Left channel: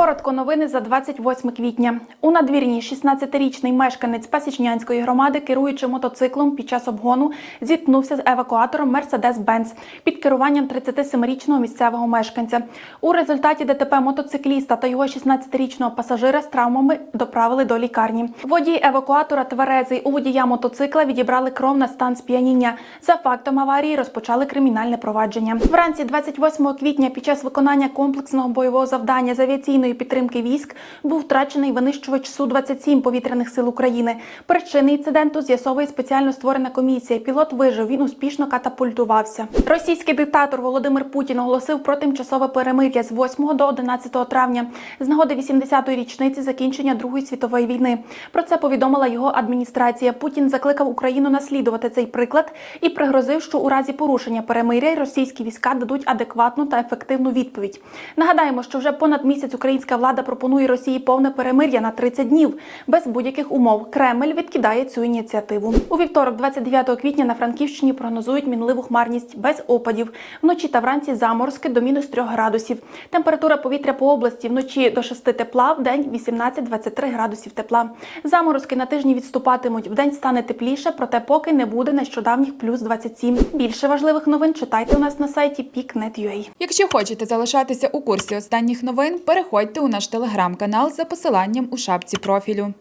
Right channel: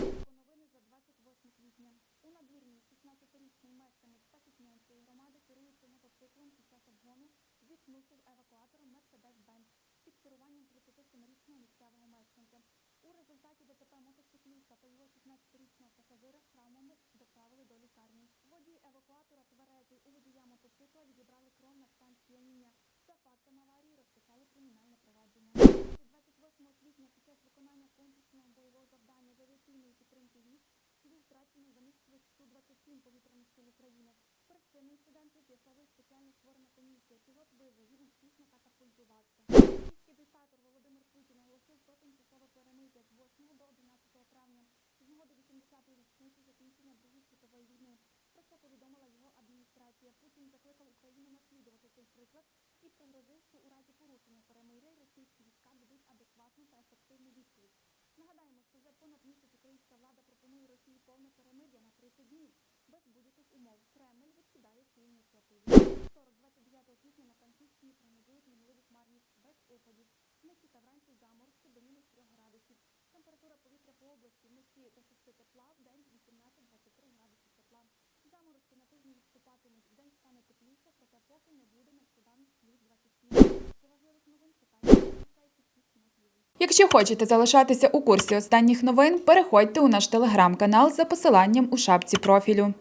Коротко новини за 28 квітня. У надвірні 16-річний мешканець Пасічнянської громади, керуючи мотоциклом під час обгону, зіткнувся з евакуатором Mercedes-Benz під керуванням 37-річного місцевого мешканця. У результаті ДТП мотоцикліста та його 16-річного пасажира з травмами доправили до лікарні. Водій евакуатора тверезий у водія мотоцикла відібрали кров на стан сп'яніння. За фактом аварії розпочали кримінальне провадження. Вранці 28 квітня під час виконання комплексного бойового завдання з авіаційної підтримки військ був втрачений винищувач Су-27 повітряних сил України. Причини інциденту з'ясовує спеціально створена комісія. Пілот вижив. Він успішно катапультувався. Російський диктатор Володимир Путін оголосив про тимчасове перемир'я з 8 до 11 травня з нагоди 80-ї річниці закінчення Другої світової війни. Про це повідомила його адміністрація. Путін закликав Україну наслідувати цей приклад і пригрозив, що у разі порушення перемиря російські війська дадуть адекватну та ефективну відповідь. Нагадаємо, що вже понад місяць українська влада пропонує Росії повне перемир'я на 30 днів без будь-яких умов. Кремль відкидає цю ініціативу. У вівторок, 29 квітня, на Франківщині прогнозують мінливу хмарність без опадів. Вночі та вранці заморозки до мінус 3 градусів. Температура повітря по області вночі до 6 тепла, в день 18-23 градусів тепла. Заморозки на тижні відступатимуть. Вдень стане тепліше, проте поки не буде нещодавніх плюс 27. Більше важливих новин читайте у нас на сайті peak.net.ua. Якщо хочете залишатися у курсі останніх новин, переходьте у наш телеграм-канал за посиланням у шапці профілю.